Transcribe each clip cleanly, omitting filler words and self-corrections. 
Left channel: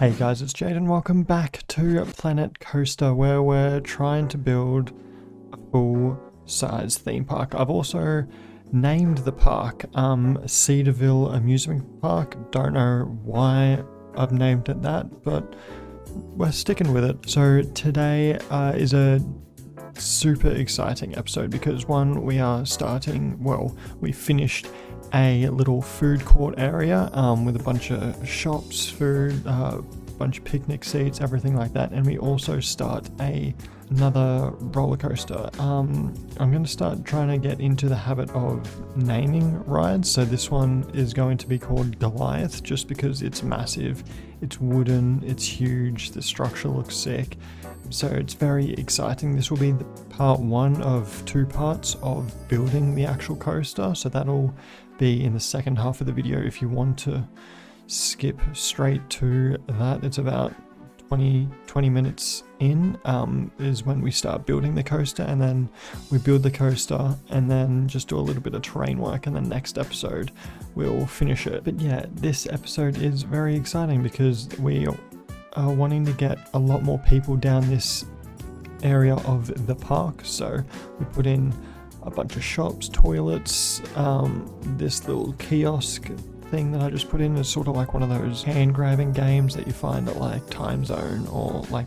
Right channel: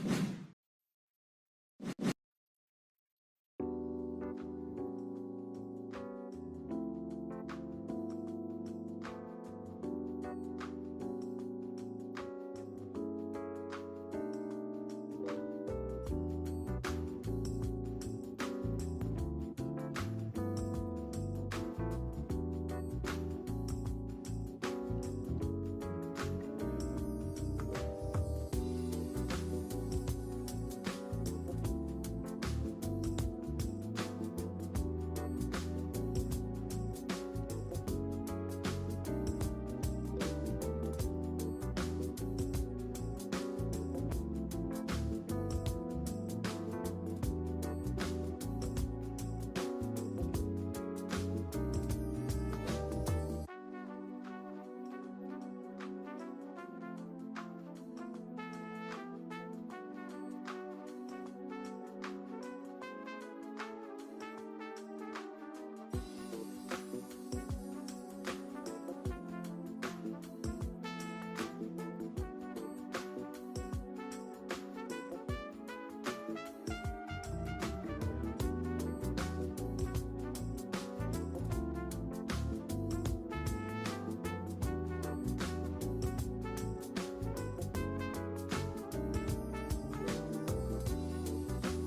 Hey guys, it's Jade and welcome back to Planet Coaster, where we're trying to build a full-size theme park. I've also named the park Cedarville Amusement Park. Don't know why I've named it that, but we're sticking with it. So today is a super exciting episode because one, we are starting, well, we finished a little food court area with a bunch of shops, food, bunch of picnic seats, everything like that, and we also start another roller coaster. I'm going to start trying to get into the habit of naming rides, so this one is going to be called Goliath just because it's massive, it's wooden, it's huge, the structure looks sick, so it's very exciting. This will be the part one of two parts of building the actual coaster, so that'll be in the second half of the video. If you want to skip straight to that, it's about 20 minutes in is when we start building the coaster, and then we build the coaster and then just do a little bit of terrain work, and then next episode we'll finish it. But yeah, this episode is very exciting because we are wanting to get a lot more people down this area of the park, so we put in a bunch of shops, toilets, this little kiosk thing that I just put in is sort of like one of those hand grabbing games that you find at like Time Zone or like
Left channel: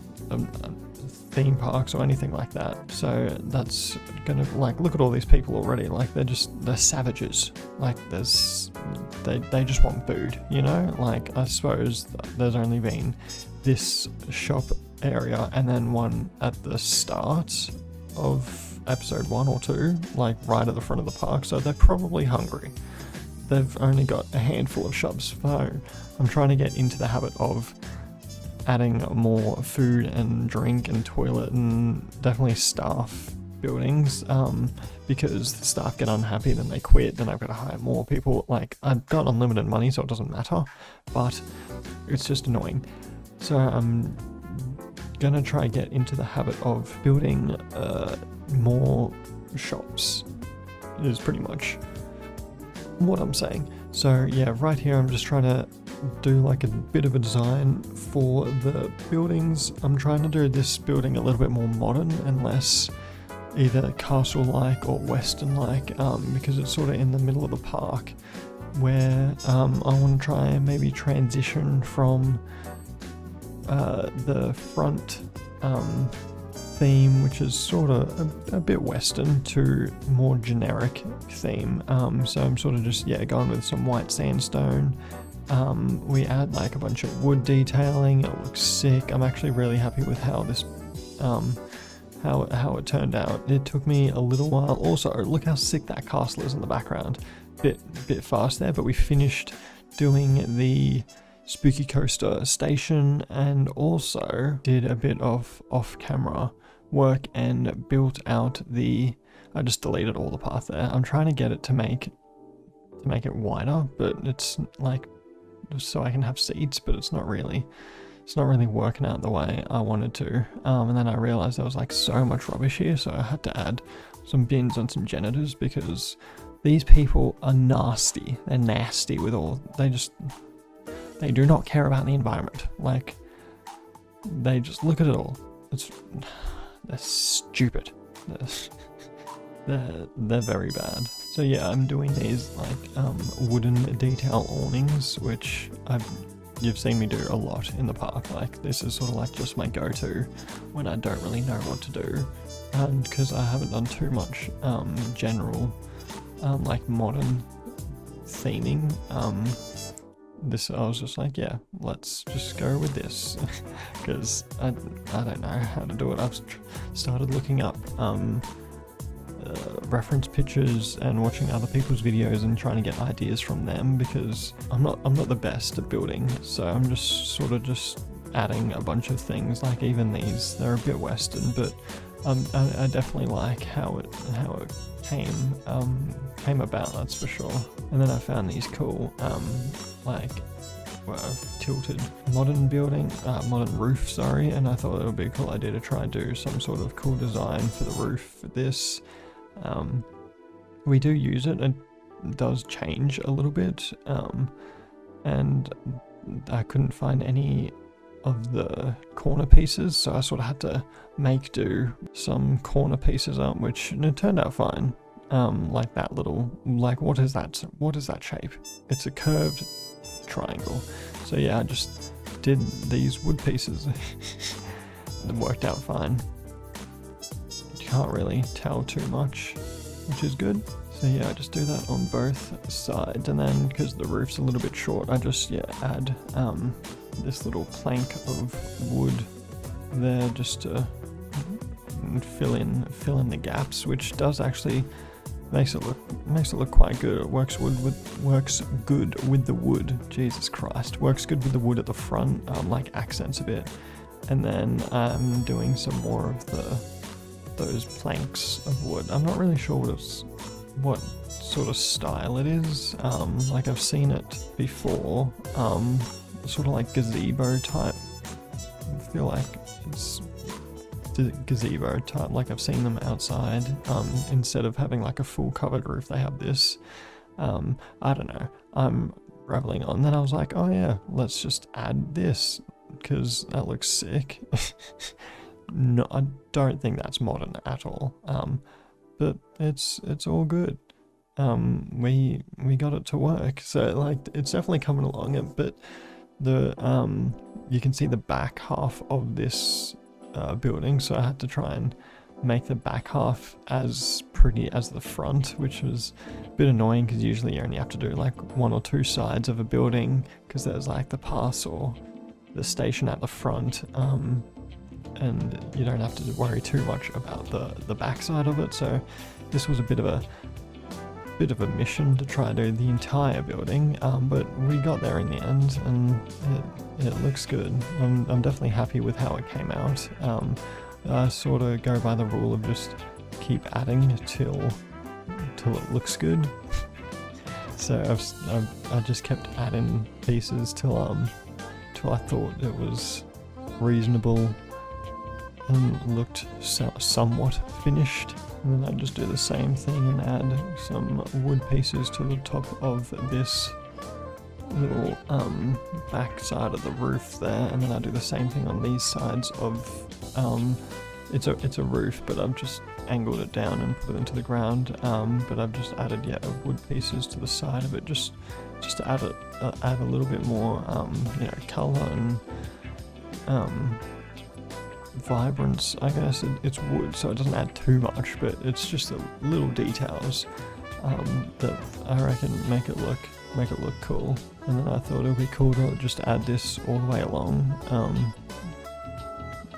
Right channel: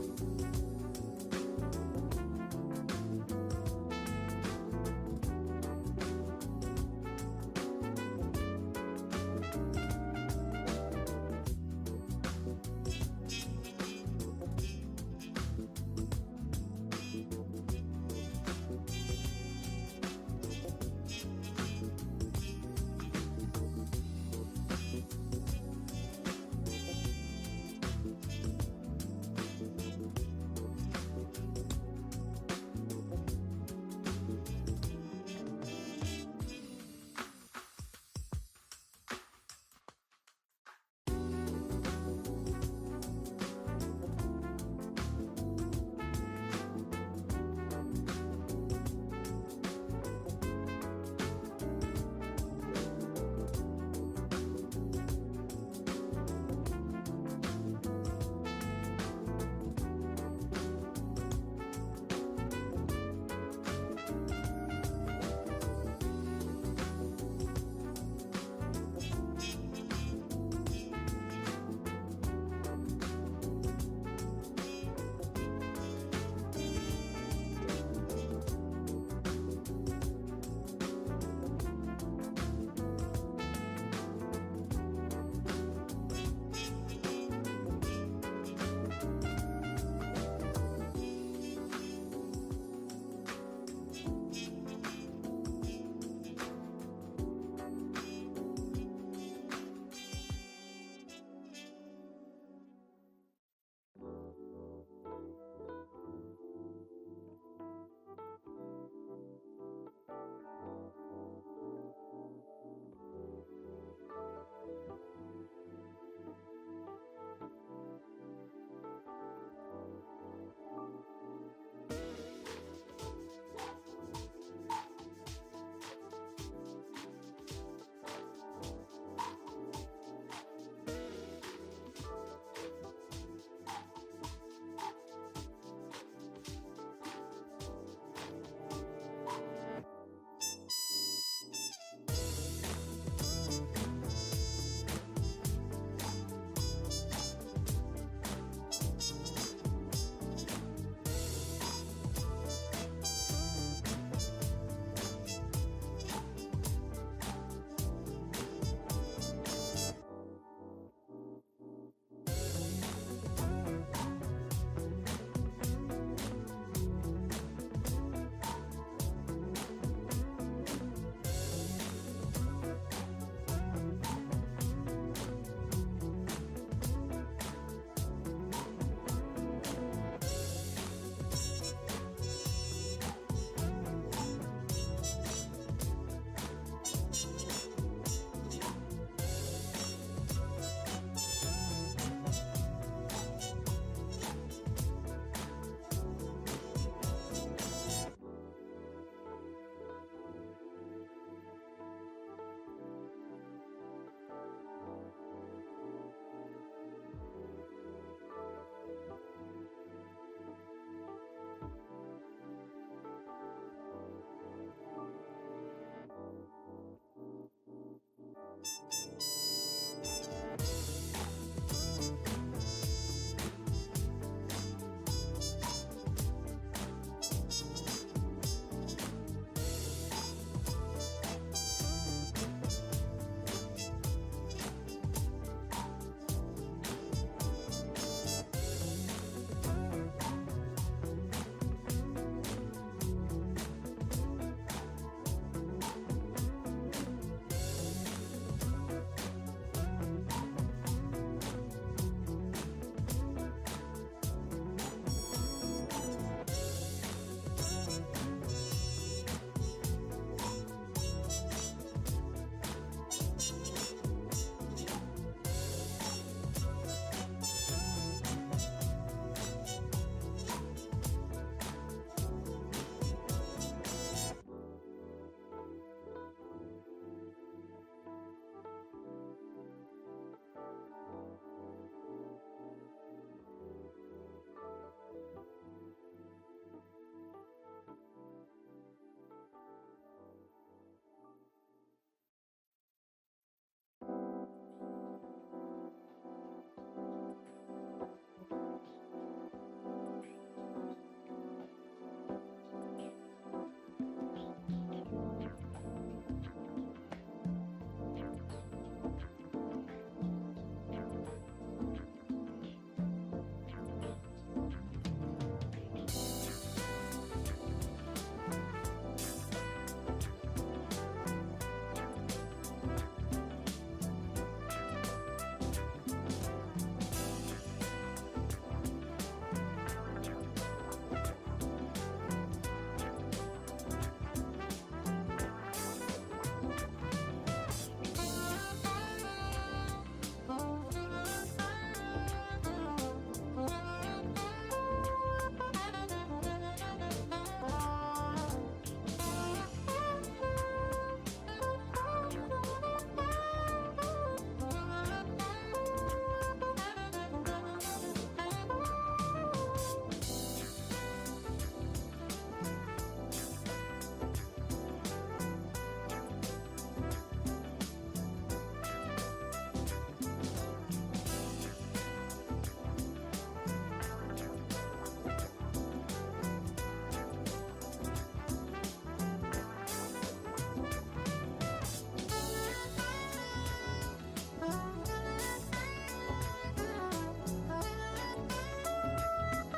theme parks or anything like that. So that's gonna, like, look at all these people already, like they're savages, like they just want food, you know. Like, I suppose there's only been this shop area and then one at the start of episode 1 or 2, like right at the front of the park, so they're probably hungry. They've only got a handful of shops, so I'm trying to get into the habit of adding more food and drink and toilet and definitely staff buildings, because the staff get unhappy, then they quit, then I've got to hire more people. Like, I've got unlimited money, so it doesn't matter, but it's just annoying. So I'm gonna try get into the habit of building more shops, is pretty much what I'm saying. So yeah, right here I'm just trying to do like a bit of a design for the buildings. I'm trying to do this building a little bit more modern and less either castle-like or western-like, because it's sort of in the middle of the park, where I want to try and maybe transition from the front theme, which is sort of a bit western, to more generic theme. So I'm sort of just going with some white sandstone. We add like a bunch of wood detailing. It looks sick. I'm actually really happy with how this how it turned out. It took me a little while. Also, look how sick that castle is in the background. Bit fast there, but we finished doing the Spooky Coaster station and also did a bit of off-camera work and built out I just deleted all the path there. I'm trying to get it to make it wider, but it's like so I can have seats, but it's not really working out the way I wanted to. And then I realized there was like so much rubbish here, so I had to add some bins and some janitors because these people are nasty. They're nasty with all, they do not care about the environment. Like, they just look at it all. They're stupid. They're very bad. So yeah, I'm doing these like wooden detail awnings, which you've seen me do a lot in the park. Like, this is sort of like just my go-to when I don't really know what to do, because I haven't done too much general like modern theming. I was just like, yeah, let's just go with this, because I don't know how to do it. I've started looking up reference pictures and watching other people's videos and trying to get ideas from them, because I'm not the best at building, so I'm just sort of just adding a bunch of things. Like, even these, they're a bit western, but I definitely like how it came about, that's for sure. And then I found these cool tilted modern roof, sorry, and I thought it would be a cool idea to try and do some sort of cool design for the roof for this. We do use it, and it does change a little bit, and I couldn't find any of the corner pieces, so I sort of had to make do some corner pieces up, which it turned out fine. Like that little, like what is that shape? It's a curved triangle. So yeah, I just did these wood pieces and it worked out fine. You can't really tell too much, which is good. So yeah, I just do that on both sides, and then because the roof's a little bit short, I just add this little plank of wood there just to fill in the gaps, which does actually makes it look quite good. It works good with the wood. Jesus Christ, works good with the wood at the front, like accents a bit, and then I'm doing some more of those planks of wood. I'm not really sure what sort of style it is. Like I've seen it before, sort of like gazebo type. I feel like it's gazebo type, like I've seen them outside. Instead of having like a full covered roof, they have this. I don't know, I'm rambling on. Then I was like, oh yeah, let's just add this because that looks sick. No, I don't think that's modern at all. But it's all good. We got it to work, so like it's definitely coming along. But the you can see the back half of this building, so I had to try and make the back half as pretty as the front, which was a bit annoying because usually you only have to do like one or two sides of a building because there's like the pass or the station at the front, and you don't have to worry too much about the back side of it. So this was a bit of a mission to try to do the entire building, but we got there in the end, and it looks good. I'm definitely happy with how it came out. I sort of go by the rule of just keep adding till it looks good. So I just kept adding pieces till I thought it was reasonable and looked somewhat finished, and then I just do the same thing and add some wood pieces to the top of this little back side of the roof there, and then I do the same thing on these sides of it's a roof, but I've just angled it down and put it into the ground, but I've just added wood pieces to the side of it just to add a little bit more color and vibrance, I guess. It's wood, so it doesn't add too much, but it's just the little details that I reckon make it look cool. And then I thought it would be cool to just add this all the way along.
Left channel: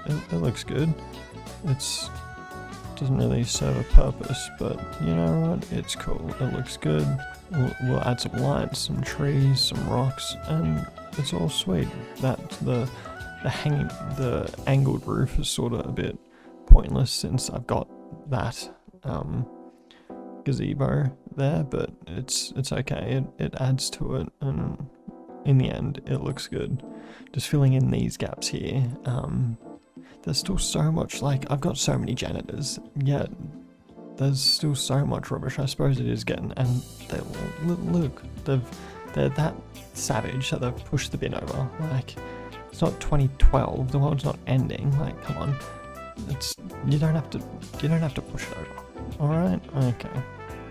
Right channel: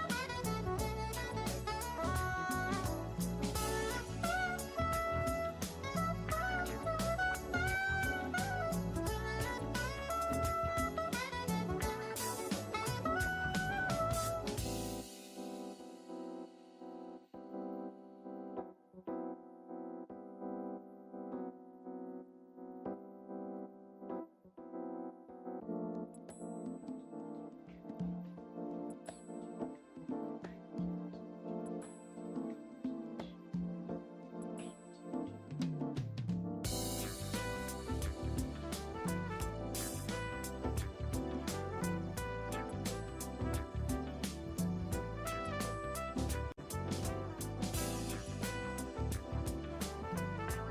It looks good. It doesn't really serve a purpose, but you know what? It's cool. It looks good. We'll add some lights, some trees, some rocks, and it's all sweet. That the angled roof is sort of a bit pointless since I've got that gazebo there, but it's okay. It adds to it, and in the end, it looks good. Just filling in these gaps here. There's still so much, like, I've got so many janitors, yet there's still so much rubbish. I suppose it is getting, and they're that savage that they've pushed the bin over. Like, it's not 2012, the world's not ending. Like, come on, you don't have to push it over. All right, okay.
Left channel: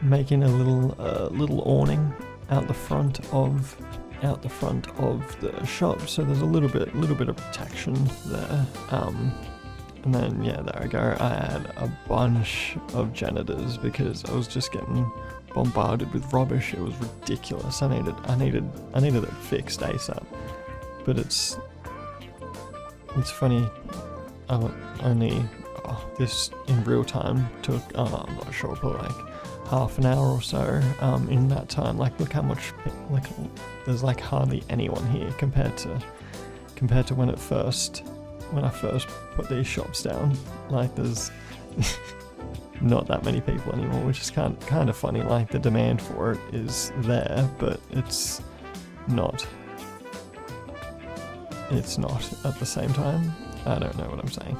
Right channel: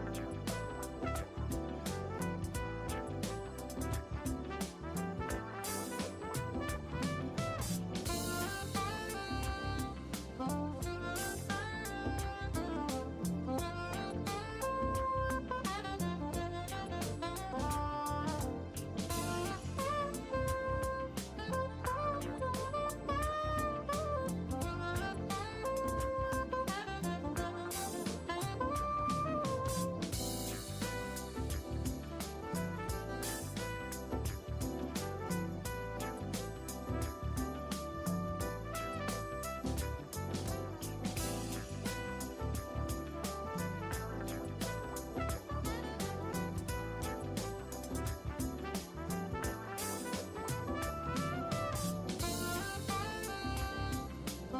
Making a little awning out the front of the shop, so there's a little bit of protection there. And then there we go. I had a bunch of janitors because I was just getting bombarded with rubbish. It was ridiculous. I needed it fixed ASAP. But it's funny. This in real time took I'm not sure, but like half an hour or so. In that time, like look how much there's like hardly anyone here compared to when I first put these shops down. Like there's not that many people anymore, which is kind of funny. Like the demand for it is there, but it's not at the same time. I don't know what I'm saying.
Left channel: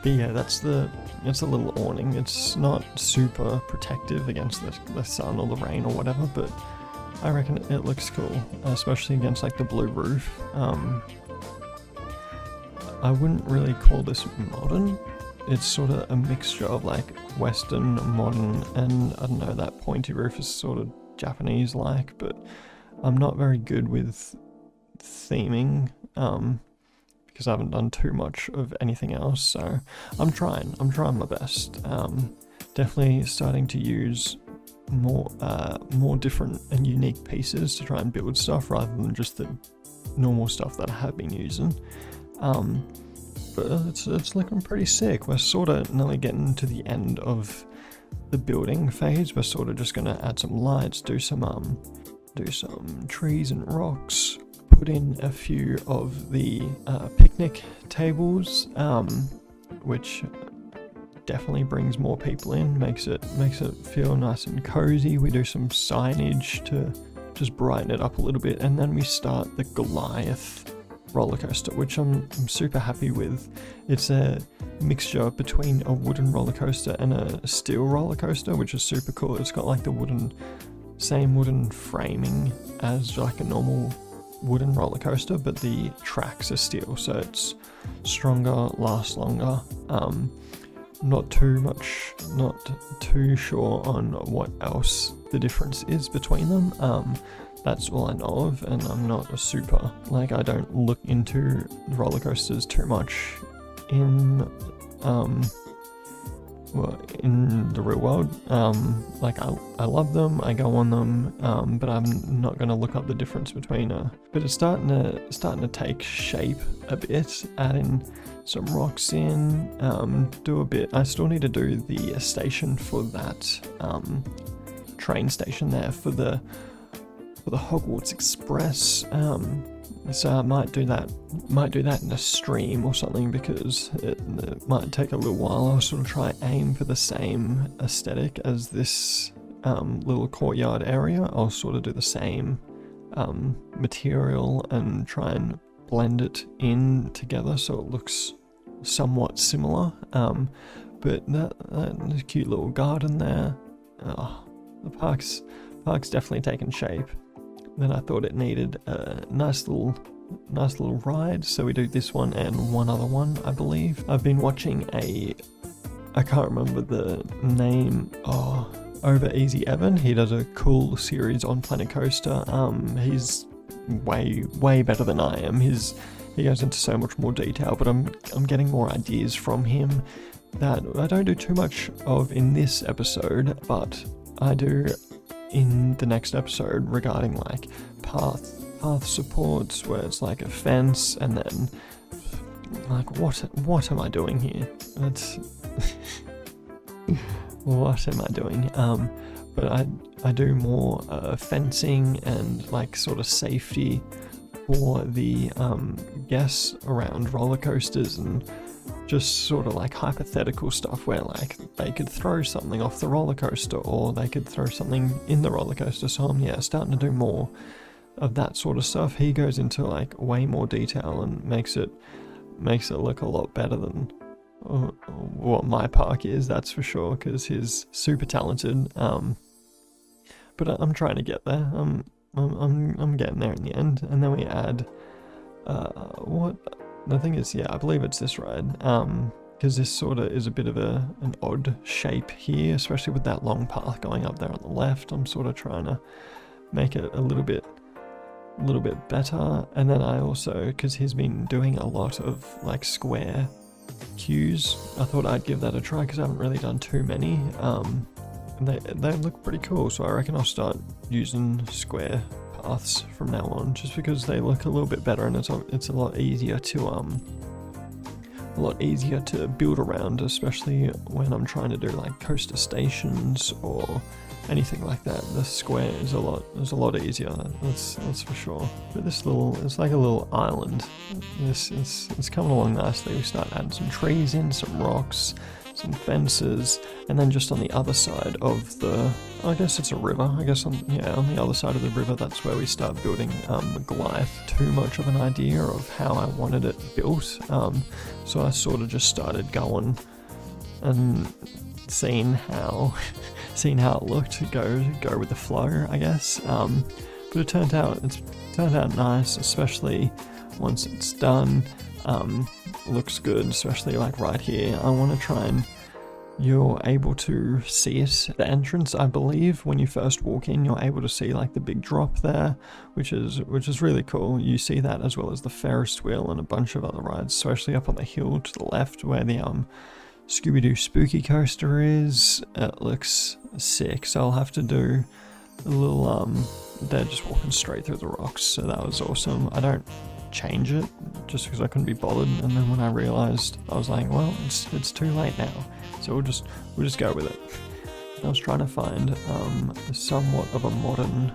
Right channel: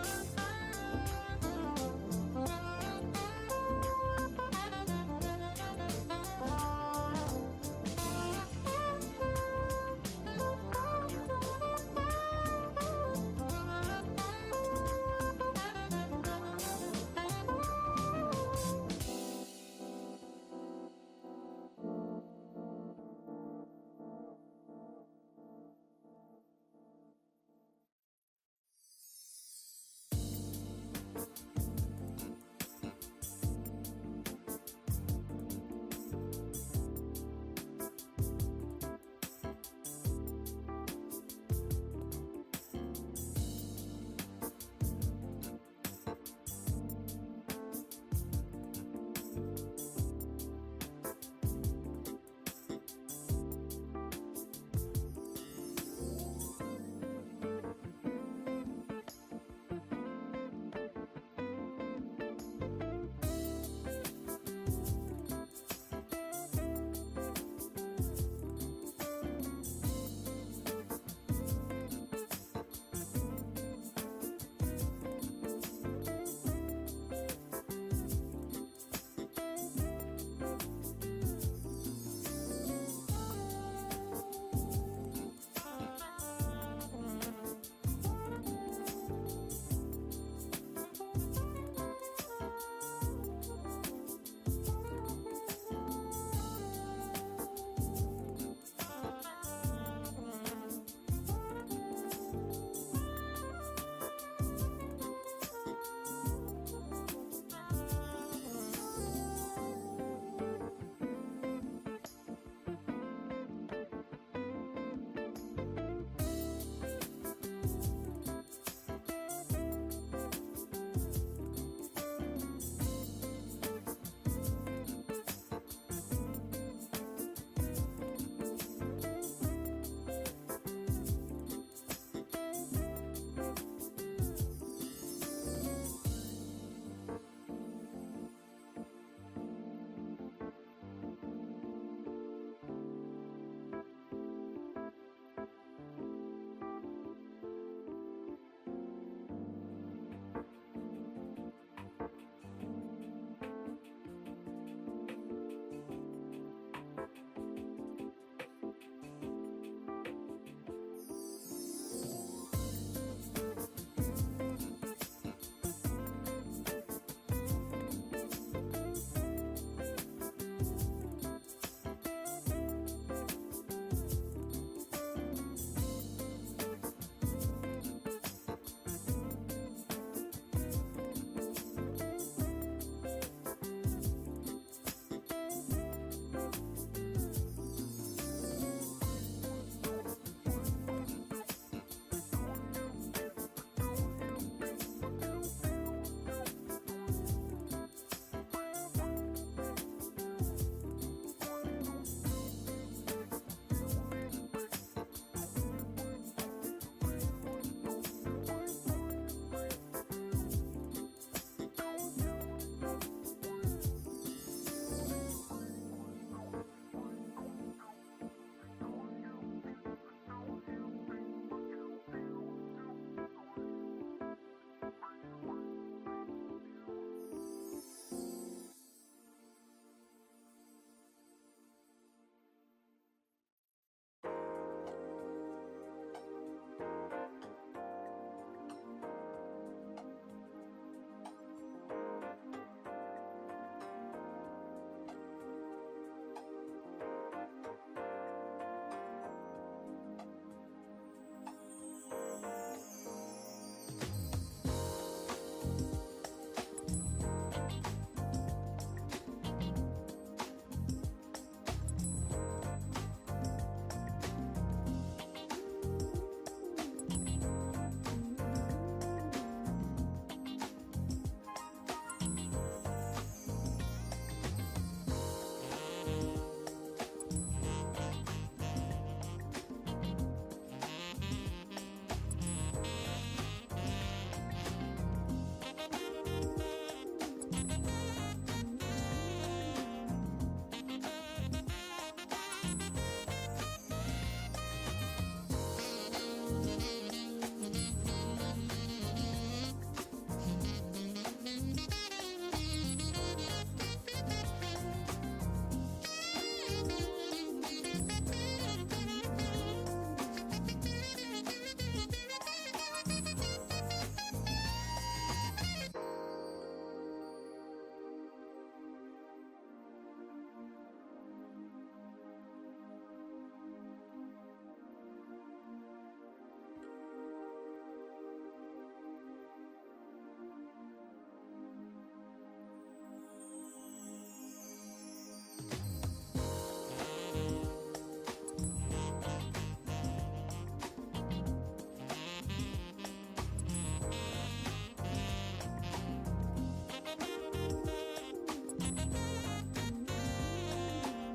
But yeah, it's a little awning. It's not super protective against the sun or the rain or whatever, but I reckon it looks cool, especially against like the blue roof. I wouldn't really call this modern. It's sort of a mixture of like Western, modern, and I don't know, that pointy roof is sort of Japanese-like, but I'm not very good with theming, because I haven't done too much of anything else, so I'm trying my best. Definitely starting to use more different and unique pieces to try and build stuff rather than just the normal stuff that I have been using. But it's looking pretty sick. We're sort of nearly getting to the end of the building phase. We're sort of just gonna add some lights, do some trees and rocks, put in a few of the picnic tables, which definitely brings more people in, makes it feel nice and cozy. We do some signage to just brighten it up a little bit, and then we start the Goliath roller coaster, which I'm super happy with. It's a mixture between a wooden roller coaster and a steel roller coaster, which is super cool. It's got like the same wooden framing as like a normal wooden roller coaster, but the tracks are steel, so it's stronger, lasts longer. Not too sure on what else the difference is between them. That's all I know of, and I'm not a super, like, I don't look into roller coasters too much in the real world. Like I love them, I go on them, but I'm not gonna look up the difference between but it's starting to take shape a bit, adding some rocks in, do a bit. I still need to do the station for that train station there for the Hogwarts Express. So I might do that in a stream or something, because it might take a little while. I'll sort of try aim for the same aesthetic as this little courtyard area. I'll sort of do the same material and try and blend it in together so it looks somewhat similar. But there's a cute little garden there. The park's definitely taken shape. Then I thought it needed a nice little ride, so we do this one and one other one, I believe. I've been watching I can't remember the name, Over Easy Evan. He does a cool series on Planet Coaster. He's way better than I am. He goes into so much more detail, but I'm getting more ideas from him that I don't do too much of in this episode, but I do in the next episode regarding like path supports, where it's like a fence, and then like what am I doing here? What am I doing? But I do more fencing and like sort of safety for the guests around roller coasters, and just sort of like hypothetical stuff where like they could throw something off the roller coaster, or they could throw something in the roller coaster. So I'm starting to do more of that sort of stuff. He goes into like way more detail and makes it look a lot better than what my park is, that's for sure, because he's super talented. But I'm trying to get there. I'm getting there in the end. And then we add what the thing is, I believe it's this ride, because this sort of is a bit of an odd shape here, especially with that long path going up there on the left. I'm sort of trying to make it a little bit better. And then I also, because he's been doing a lot of like square queues, I thought I'd give that a try, because I haven't really done too many. They look pretty cool, so I reckon I'll start using square paths from now on, just because they look a little bit better, and it's a lot easier to build around, especially when I'm trying to do like coaster stations or anything like that. The square is a lot easier, that's for sure. But it's like a little island. It's coming along nicely. We start adding some trees in, some rocks, some fences, and then just on the other side of I guess it's a river, on the other side of the river, that's where we start building the Goliath. Too much of an idea of how I wanted it built, so I sort of just started going and seeing how it looked, go with the flow, I guess. But it turned out nice, especially once it's done. looks good, especially like right here. I want to try and you're able to see it. The entrance, I believe, when you first walk in, you're able to see like the big drop there, which is really cool. You see that as well as the Ferris wheel and a bunch of other rides, especially up on the hill to the left where the Scooby-Doo Spooky Coaster is. It looks sick, so I'll have to do a little they're just walking straight through the rocks, so that was awesome. I don't change it just because I couldn't be bothered, and then when I realized, I was like, well, it's too late now, so we'll just go with it. I was trying to find somewhat of a modern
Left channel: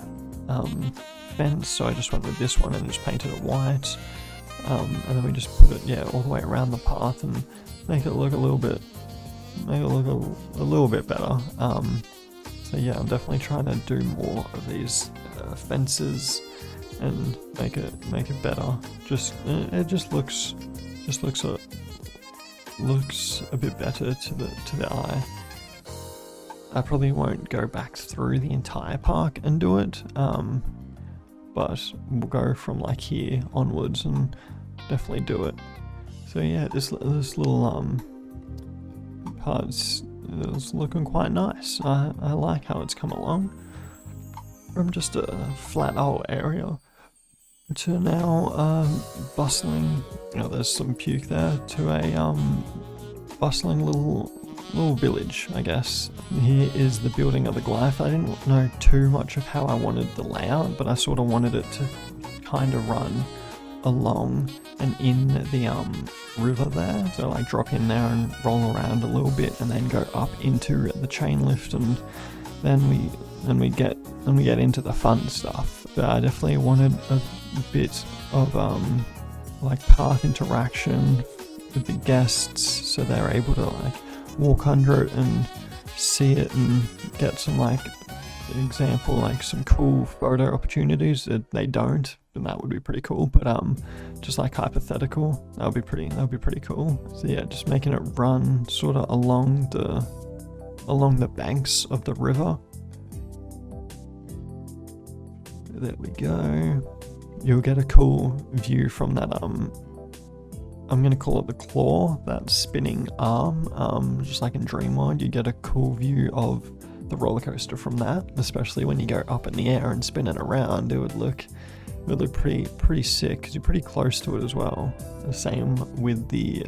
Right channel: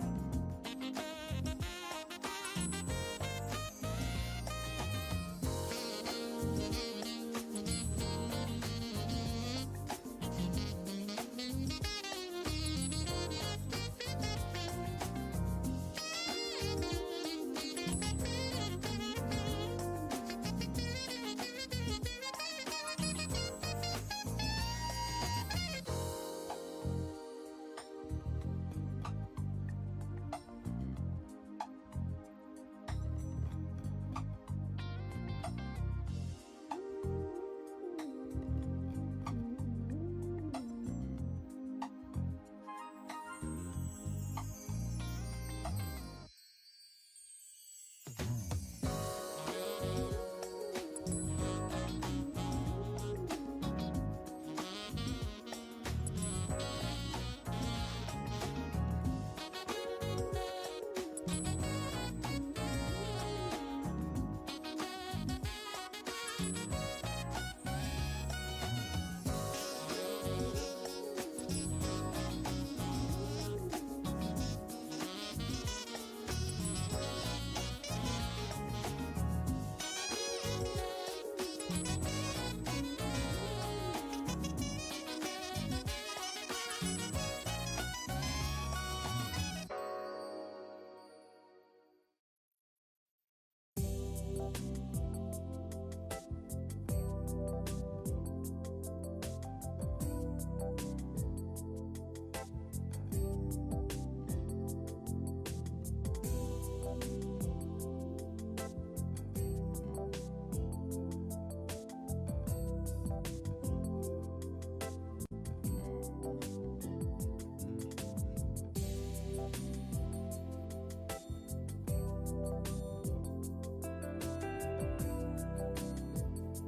fence, so I just went with this one and just painted it white, and then we just put it all the way around the path and make it look a little bit better. So yeah, I'm definitely trying to do more of these fences and make it better. It just looks a bit better to the eye. I probably won't go back through the entire park and do it, but we'll go from like here onwards and definitely do it. So yeah, this little part's looking quite nice. I like how it's come along from just a flat old area to now bustling, there's some puke there, to a bustling little village, I guess. Here is the building of the Goliath. I didn't know too much of how I wanted the layout, but I sort of wanted it to kind of run along and in the river there, so like drop in there and roll around a little bit and then go up into the chain lift, and then we get into the fun stuff. But I definitely wanted a bit of like park interaction with the guests, so they're able to like walk under it and see it and get some like example, like some cool photo opportunities that they don't, and that would be pretty cool. But just like hypothetical, that would be pretty cool. So yeah, just making it run sort of along the banks of the river. There we go. You'll get a cool view from that I'm gonna call it the claw, that spinning arm, just like in Dream World. You get a cool view of the roller coaster from that, especially when you go up in the air and spin it around. It would look pretty sick because you're pretty close to it as well. The same with the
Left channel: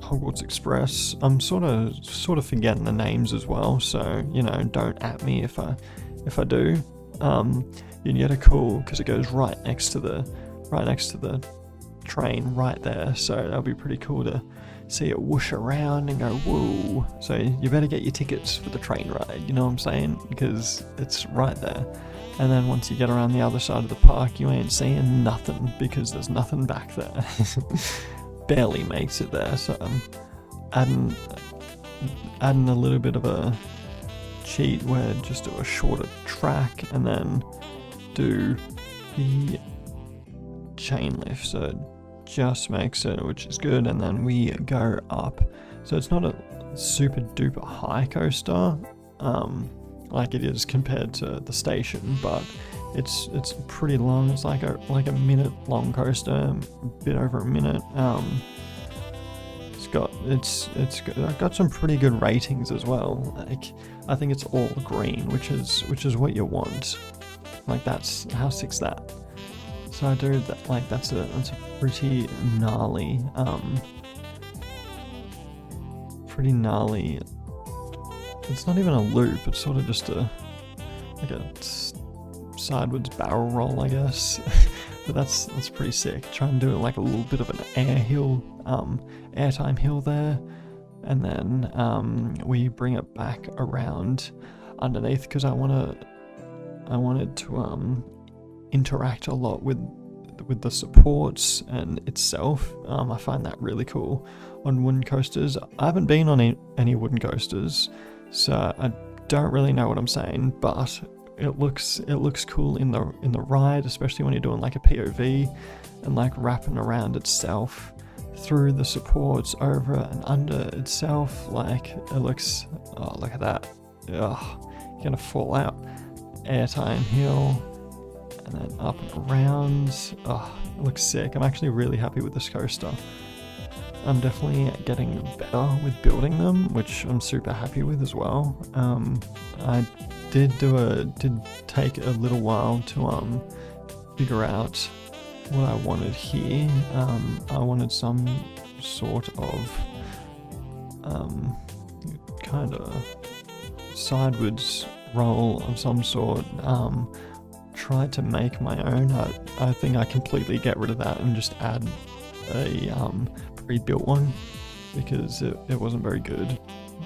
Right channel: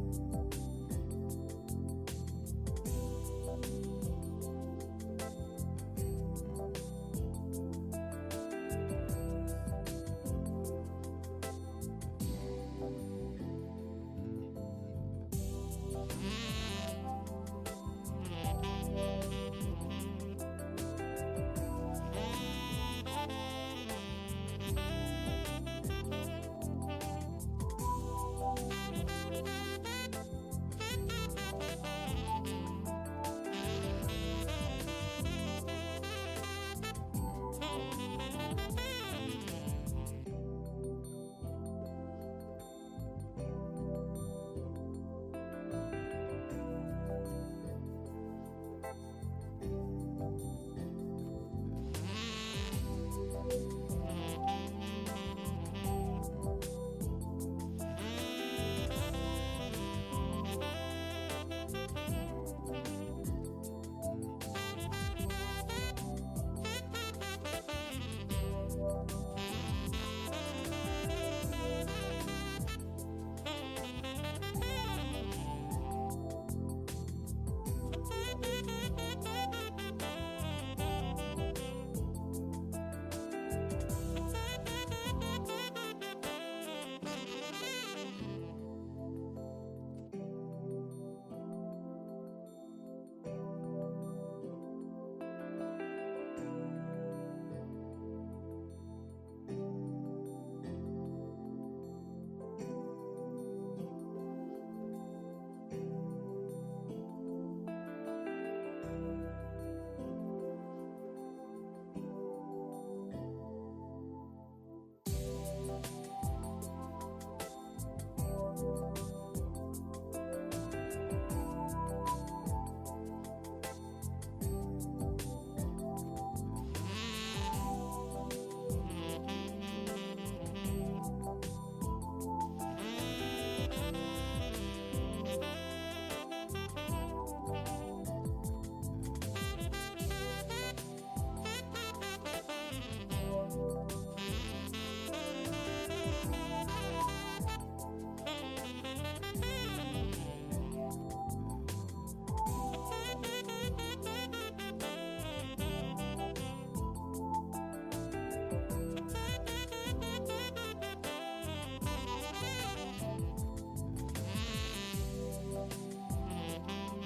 Hogwarts Express. I'm sort of forgetting the names as well, so don't at me if I do. You get a cool, because it goes right next to the train right there, so that'll be pretty cool to see it whoosh around and go woo. So you better get your tickets for the train ride, you know what I'm saying, because it's right there. And then once you get around the other side of the park, you ain't seeing nothing because there's nothing back there. Barely makes it there. So I'm adding a little bit of a cheat where just do a shorter track and then do the chain lift, so it just makes it, which is good, and then we go up. So it's not a super duper high coaster like it is compared to the station, but it's pretty long. It's like a minute long coaster, a bit over a minute. It's got some pretty good ratings as well. Like I think it's all green, which is what you want. Like that's how sick's that. So I do that, like that's a pretty gnarly it's not even a loop, it's sort of just a sideways barrel roll, I guess. But that's pretty sick. Try and do it like a little bit of an airtime hill there, and then we bring it back around underneath because I wanted to interact a lot with the supports and itself. I find that really cool on wooden coasters. I haven't been on any wooden coasters, so I don't really know what I'm saying, but it looks cool in the ride, especially when you're doing like a POV and like wrapping around itself through the supports, over and under itself. Like it looks, oh look at that, ugh, you're gonna fall out. Airtime hill, and then up and around. Oh, looks sick. I'm actually really happy with this coaster. I'm definitely getting better with building them, which I'm super happy with as well. I did take a little while to figure out what I wanted here. I wanted some sort of kind of sideways roll of some sort. Tried to make my own. I think I completely get rid of that and just add a pre-built one because it wasn't very good.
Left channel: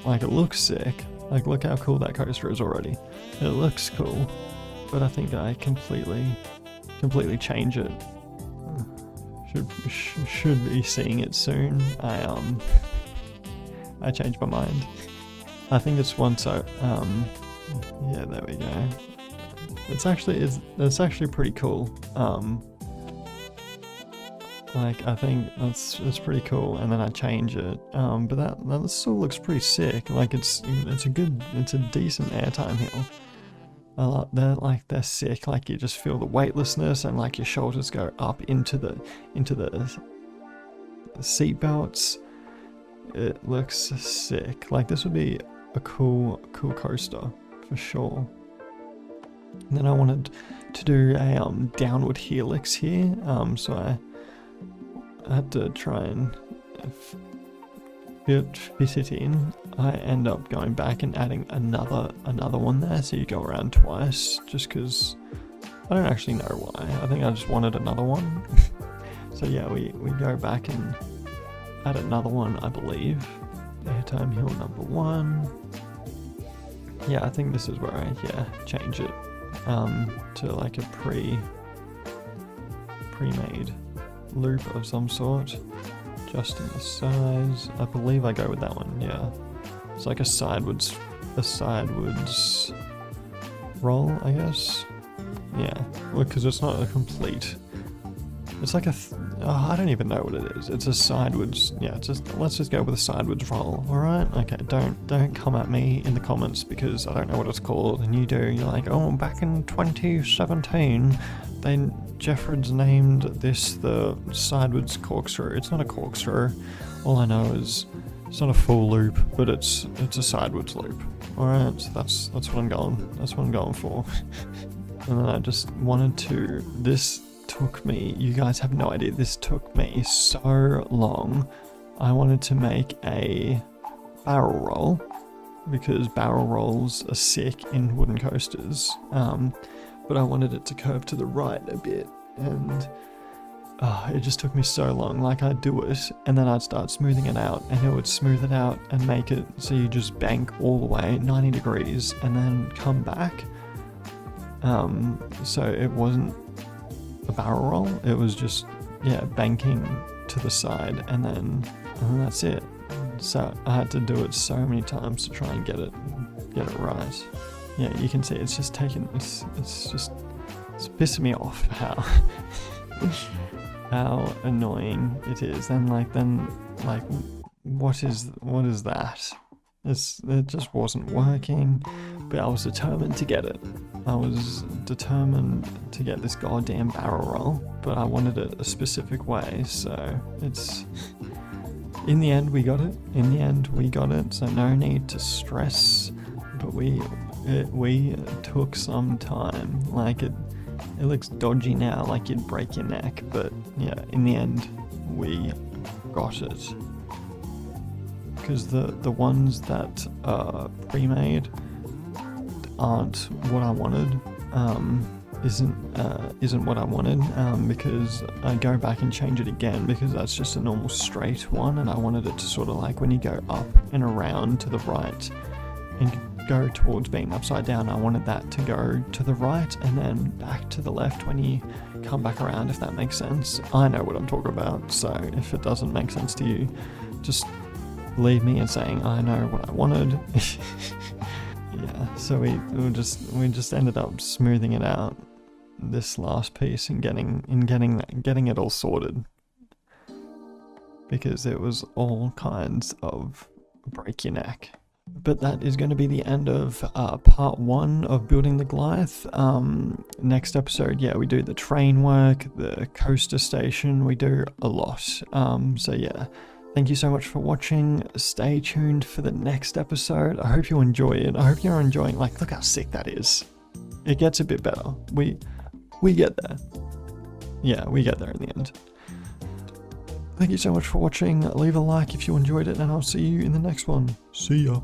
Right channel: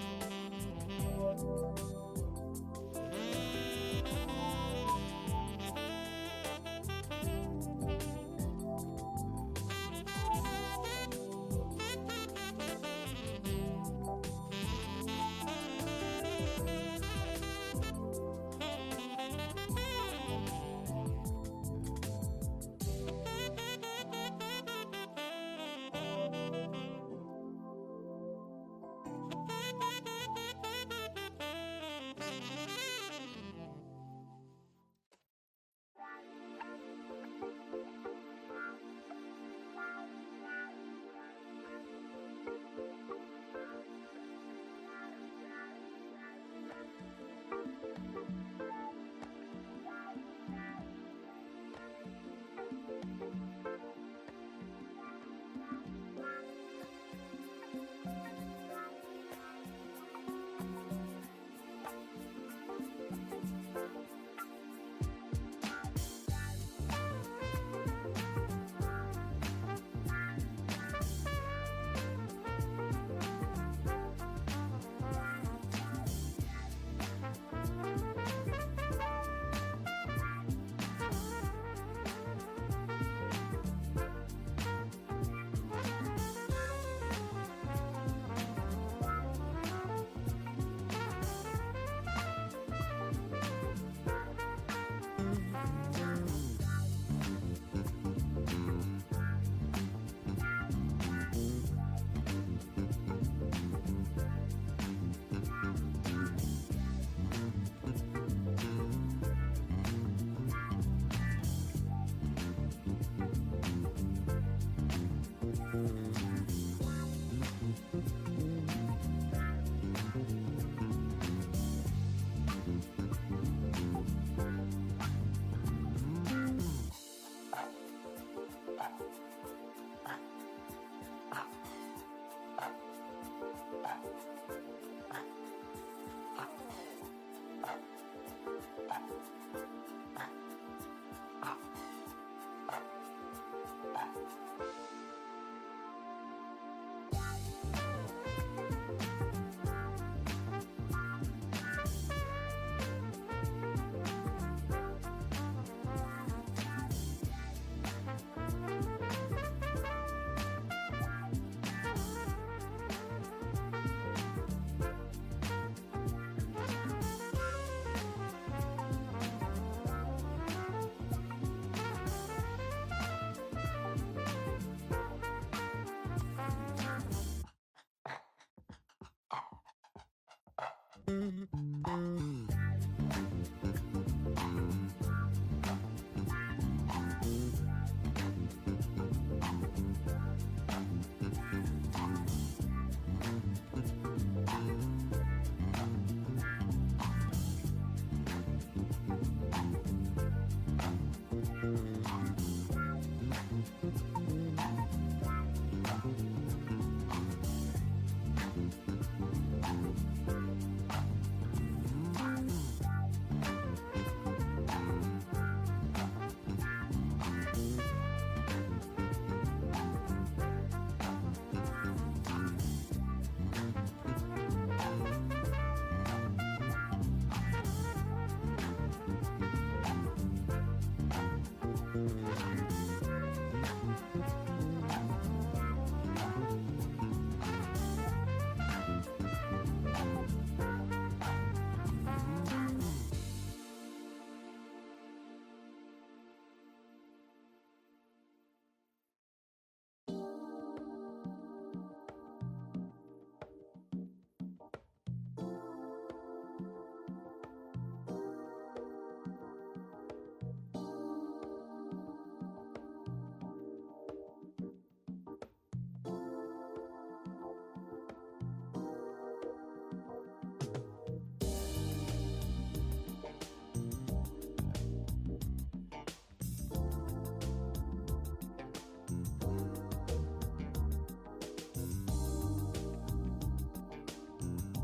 Like, it looks sick. Like, look how cool that coaster is already. It looks cool, but I think I completely change it. Should be seeing it soon. I changed my mind. I think it's once I yeah, there we go. It's actually pretty cool. Like, I think it's pretty cool, and then I change it. But that still looks pretty sick. Like, it's a decent airtime hill. They're sick. Like, you just feel the weightlessness, and like your shoulders go up into the seat belts. It looks sick. Like, this would be a cool coaster for sure. And then I wanted to do a downward helix here. So I had to try and fit it in. I end up going back and adding another one there, so you go around twice, just because I don't actually know why. I think I just wanted another one. So yeah, we go back and add another one, I believe. Airtime hill number 1. Yeah, I think this is where I change it to like a pre-made loop of some sort, adjusting the size. I believe I go with that one. Yeah, it's like a sideways roll, I guess. Yeah, because it's not a complete. It's like I don't even know what it is. It's a sideways. Yeah, let's just go with a sideways roll. All right. Okay. Don't come at me in the comments because I don't know what it's called, and you do. You're like, oh, back in 2017, Jeffred's named this the sideways corkscrew. It's not a corkscrew. All I know is it's not a full loop, but it's a sideways loop. All right. So that's what I'm going. That's what I'm going for. And then I just wanted to. This took me, you guys have no idea, this took me so long. I wanted to make a barrel roll because barrel rolls are sick in wooden coasters, but I wanted it to curve to the right a bit, and it just took me so long. Like, I'd do it and then I'd start smoothing it out, and it would smooth it out and make it so you just bank all the way 90 degrees and then come back. So it wasn't a barrel roll, it was just banking to the side, and then that's it. So I had to do it so many times to try and get it right. Yeah, you can see it's just taking it's pissing me off how annoying it is. And then what is that? It just wasn't working, but I was determined to get it. I was determined to get this goddamn barrel roll, but I wanted it a specific way, so it's... In the end, we got it. So no need to stress, but we took some time. Like, it looks dodgy now, like you'd break your neck, but yeah, in the end, we got it. Because the ones that are pre-made aren't what I wanted, isn't what I wanted, because I go back and change it again because that's just a normal straight one, and I wanted it to sort of like when you go up and around to the right and go towards being upside down, I wanted that to go to the right and then back to the left when you come back around, if that makes sense. I know what I'm talking about, so if it doesn't make sense to you, just leave me and saying I know what I wanted. Yeah, so we just ended up smoothing it out, this last piece, and getting it all sorted, because it was all kinds of break your neck. But that is going to be the end of part 1 of building the Goliath. Next episode, yeah, we do the train work, the coaster station, we do a lot. So yeah, thank you so much for watching. Stay tuned for the next episode. I hope you enjoy it. I hope you're enjoying, like, look how sick that is. It gets a bit better. We get there. Yeah, we get there in the end. Thank you so much for watching. Leave a like if you enjoyed it, and I'll see you in the next one. See ya.